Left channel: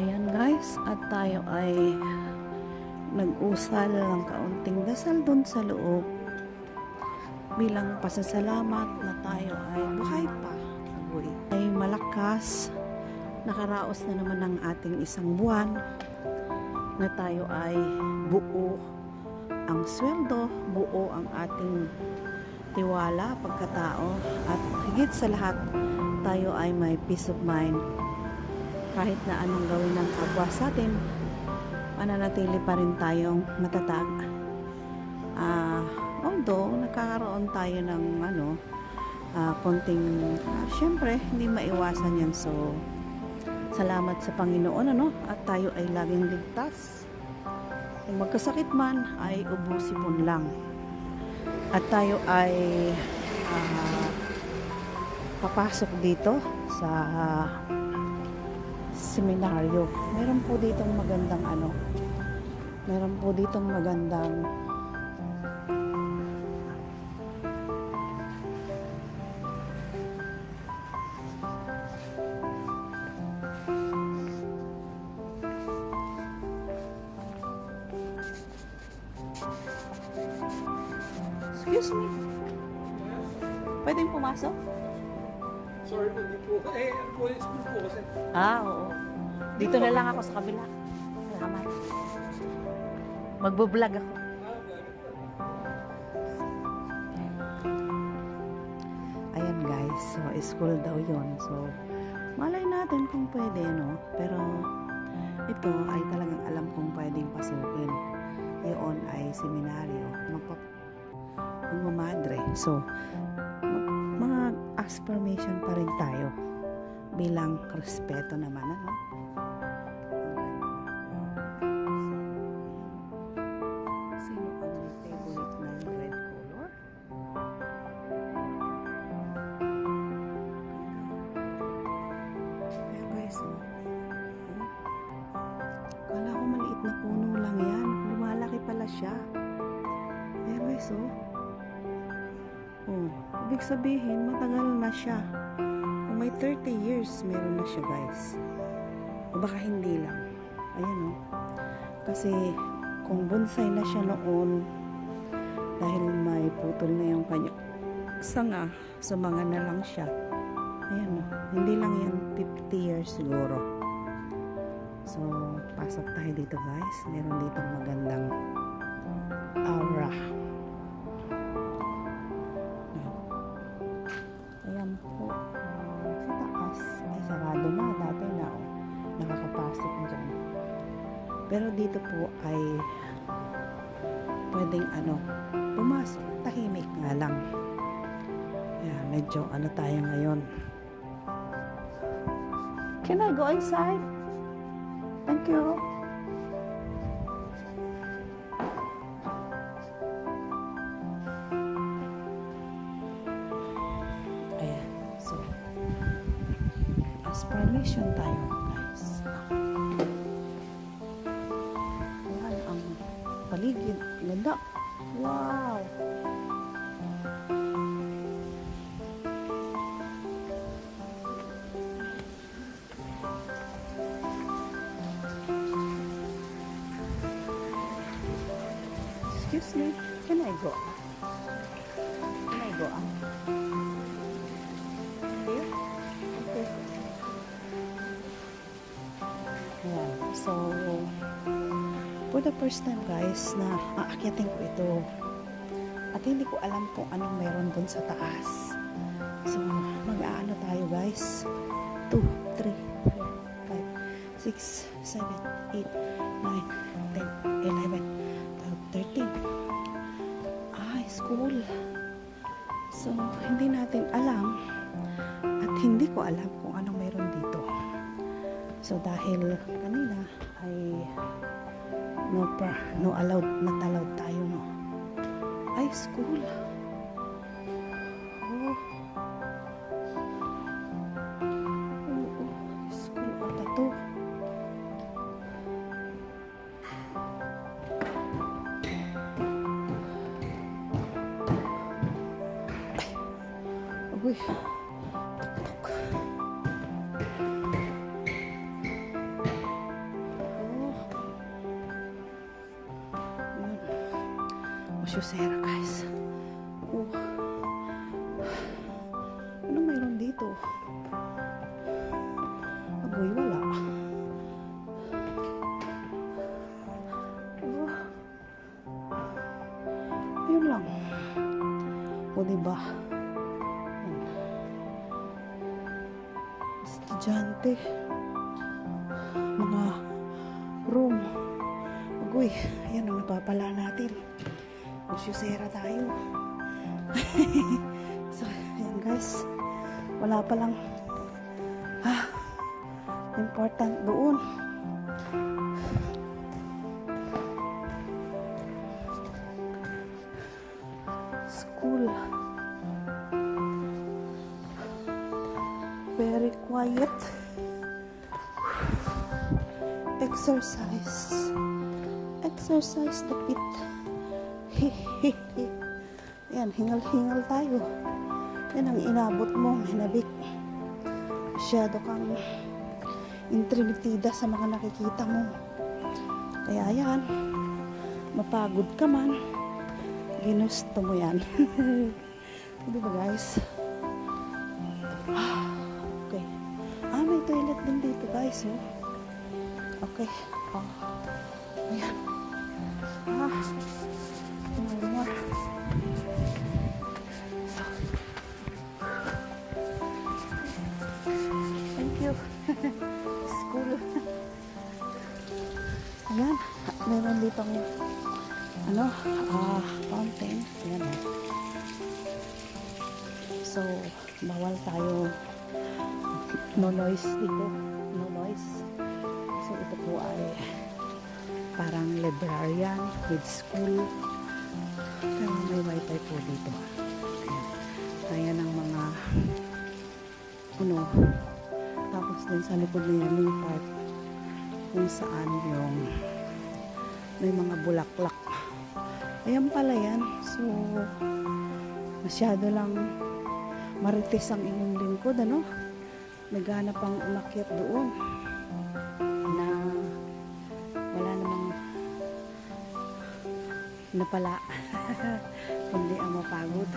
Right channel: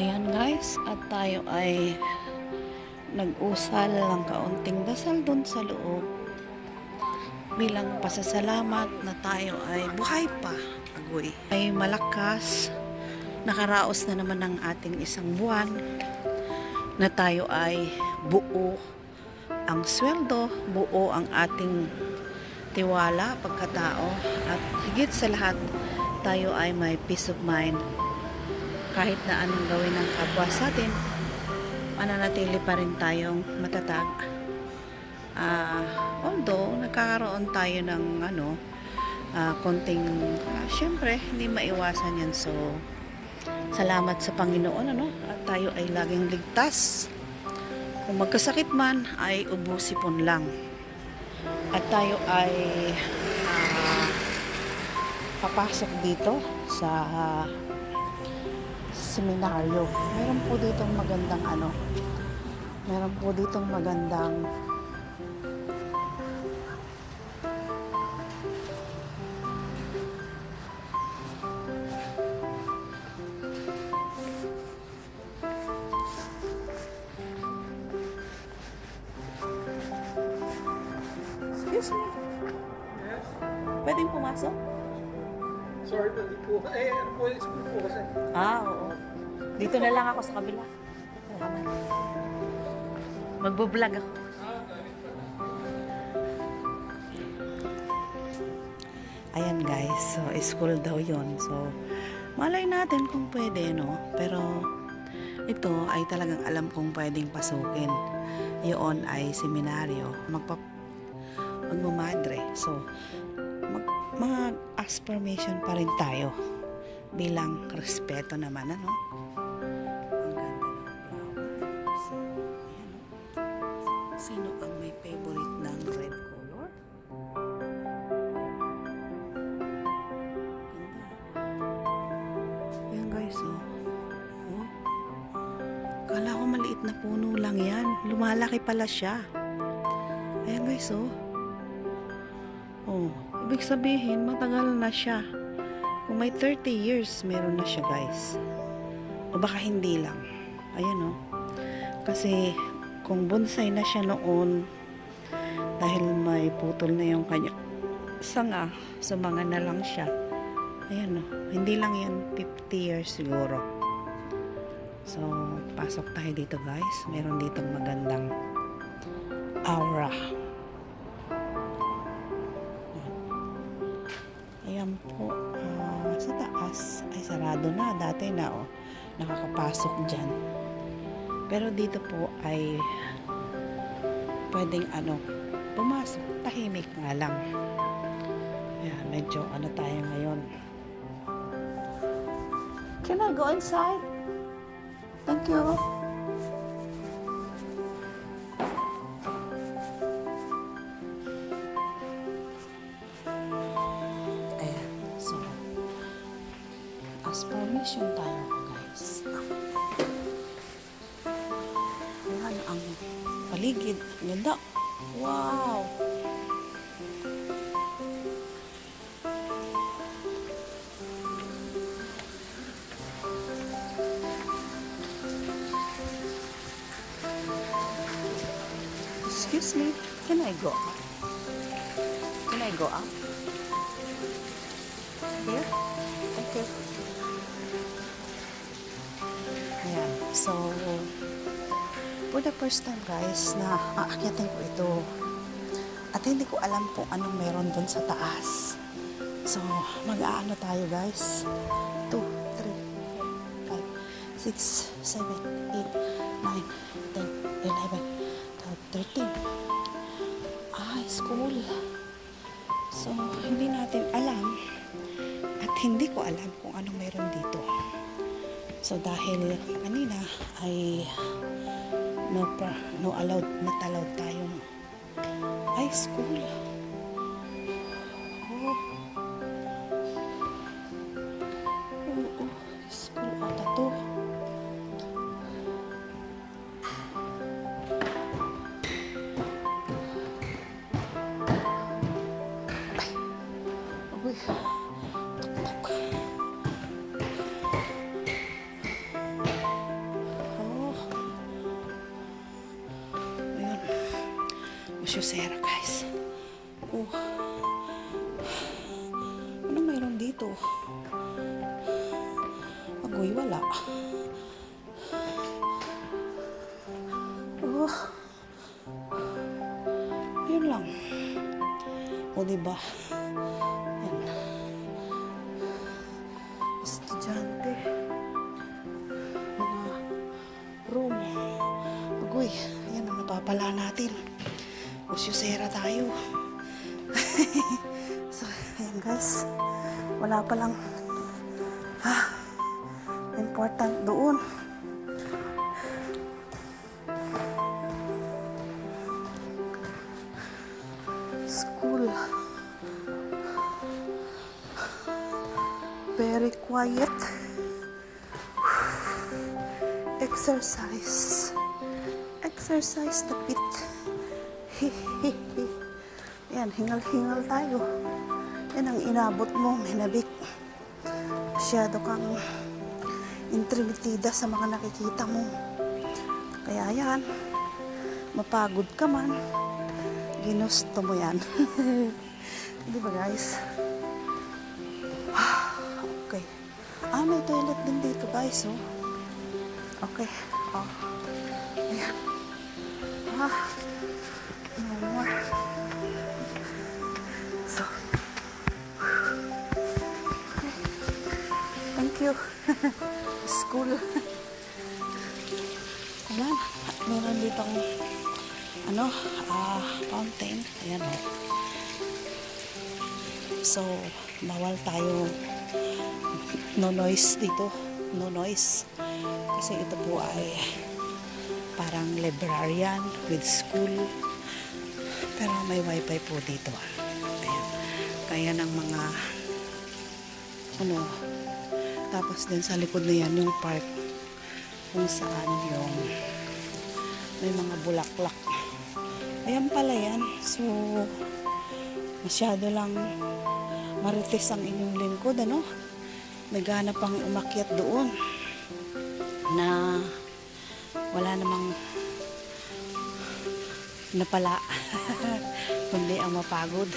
Ayan guys, at tayo ay nag-usal ng kaunting dasal dun sa loob bilang pasasalamat na tayo ay buhay pa, agoy. Ay malakas, nakaraos na naman ang ating isang buwan na tayo ay buo ang sweldo, buo ang ating tiwala, pagkatao, at higit sa lahat tayo ay may peace of mind. Kahit na anong gawin ng kapwa sa atin, mananatili pa rin tayong matatag. Although nagkakaroon tayo ng konting syempre hindi maiwasan yan. So salamat sa Panginoon at tayo ay laging ligtas. Kung magkasakit man ay ubusipon lang. At tayo ay papasok dito sa seminaryo. Meron po ditong magandang meron po ditong magandang Excuse me. Yes? Pwedeng pumasok? Sorry, hindi po. School po kasi. Oo. Dito na lang ako sa kabila. Salamat. Magbo-vlog ako. Ayan guys, so school daw yon. So malay natin kung pwede, pero ito ay talagang alam kong pwedeng pasukin. Yun ay seminaryo. Magmamadre. So mag-ask permission pa rin tayo bilang respeto naman, Ang ganda ng so, sino ang may favorite ng red color? Ganda. Ayan guys, kala ko maliit na puno lang yan. Lumalaki pala siya. Ayan guys, ibig sabihin, matagal na siya. Kung may 30 years, meron na siya guys. O baka hindi lang. Ayan Kasi, kung bonsai na siya noon, dahil may putol na yung kanya sanga, sumanga na lang siya. Ayan Hindi lang yan 50 years siguro. So, pasok tayo dito guys. Meron ditong magandang aura. Ayan po, sa taas ay sarado na. Dati na nakakapasok dyan. Pero dito po ay pwedeng pumasok. Tahimik nga lang. Ayan, medyo tayo ngayon. Can I go inside? Thank you. Ayan. So, ask permission tayo, guys. Ayan ang paligid. Ganda. Wow! Excuse me, can I go up? Can I go up? Here? Okay. Ayan. So, for the first time guys, na aakyatin ko ito. At hindi ko alam kung anong meron dun sa taas. So, mag-aano tayo guys. 2, 3, 4, 5, 6, 7, 8, 9, 10, 11, 13. School. So, hindi natin alam at hindi ko alam kung anong meron dito. So, dahil kanina ay no allowed, not allowed tayo, school. School ata to. Uy. Sera, guys. Ano mayroon dito? Agoy, wala. Yun lang. O, diba? Yan. Estudyante. Mga room. Agoy, ayan ang napapala natin. Sera tayo. So, ayan guys. Wala pa lang important doon. School. Very quiet. Exercise. Exercise the pit. Yan, hingal-hingal tayo. Yan ang inabot mo, hinabik. Masyado kang intrimitida sa mga nakikita mo. Kaya yan, mapagod ka man, ginusto mo yan. Di ba guys? Okay. May toilet din dito guys, oh. Okay. Ayan. No more. So, thank you. School. Ayan. Meron ditong fountain. Ayan, oh. So, bawal tayo no noise dito. No noise. Kasi ito po ay parang librarian with school. Pero may wifi po dito. Ayan. Kaya ng mga tapos din sa likod na yan yung park kung saan yung may mga bulaklak. Ayan pala yan. So, masyado lang marites ang inyong lingkod, ano? Naghanap pang umakyat doon na wala namang napala kundi ang mapagod.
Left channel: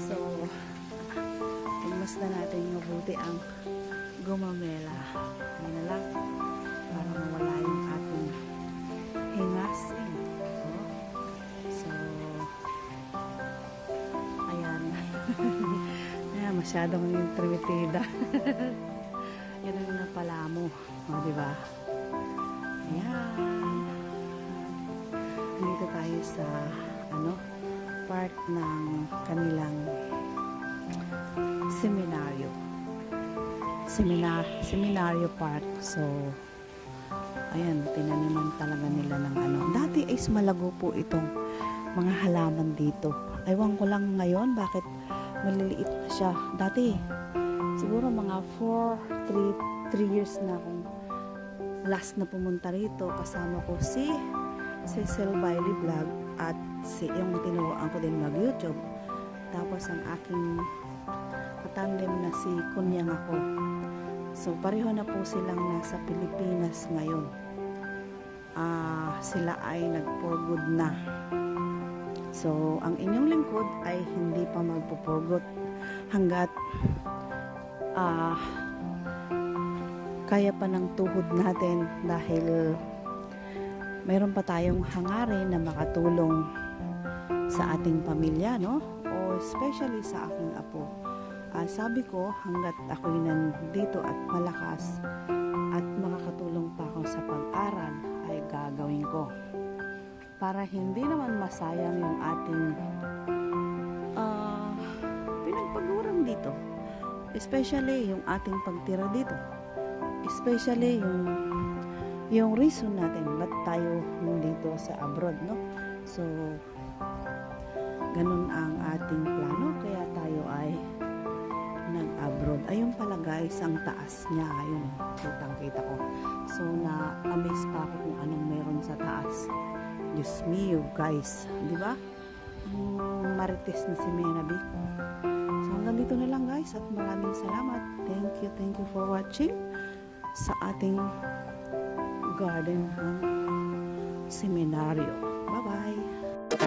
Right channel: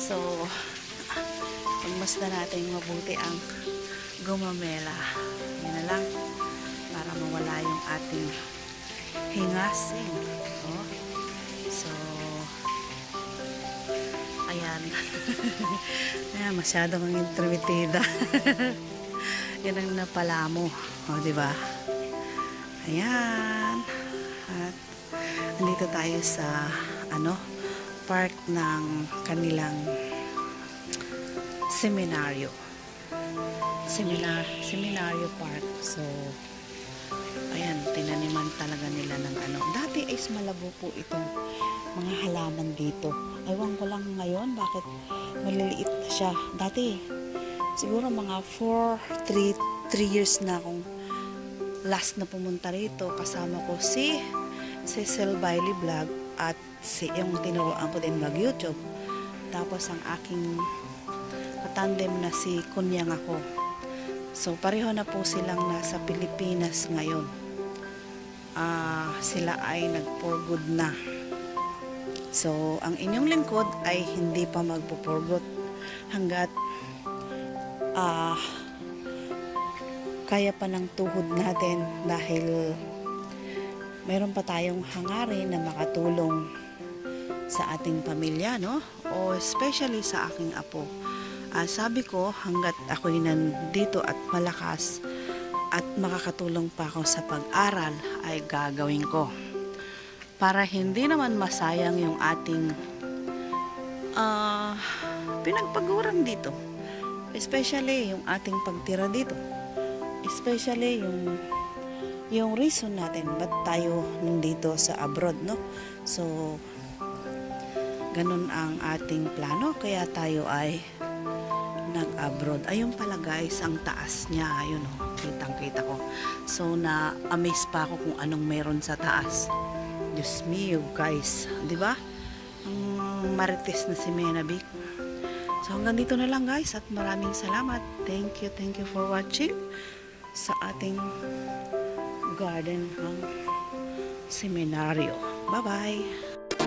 So, pagmasdan natin mabuti ang gumamela. Yan na lang para mawala yung ating hingasing. So, ayan. Ayan, masyadong intrimitida. Yan ang napala mo. Diba? Ayan. At andito tayo sa park ng kanilang seminaryo. Seminaryo park. So, ayan, tinaniman talaga nila ng Dati ay malago po itong mga halaman dito. Ewan ko lang ngayon bakit maliliit na siya. Dati, siguro mga 3 years na akong last na pumunta rito. Kasama ko si Cecil Bailey Vlog at yung tinuruan ko din mag-YouTube. Tapos ang aking katandem na si Kunyang ako. So, pareho na po silang nasa Pilipinas ngayon. Sila ay nag-for good na. So, ang inyong lingkod ay hindi pa magpo-for good hanggat kaya pa ng tuhod natin dahil mayroon pa tayong hangarin na makatulong sa ating pamilya, no? O especially sa aking apo. Sabi ko, hanggat ako'y nandito at malakas at makakatulong pa ako sa pag-aral, ay gagawin ko. Para hindi naman masayang yung ating pinagpaguran dito. Especially yung ating pagtira dito. Especially yung reason natin ba't tayo nandito sa abroad, no? So, ganun ang ating plano. Kaya tayo ay nag-abroad. Ayun pala guys, ang taas niya. Ayun oh, kitang-kita ko. So, na-amaze pa ako kung anong meron sa taas. Diyos mio guys. Diba? Ang marites na si Menabic. So, hanggang dito na lang guys. At maraming salamat. Thank you for watching sa ating garden ng seminaryo. Bye-bye!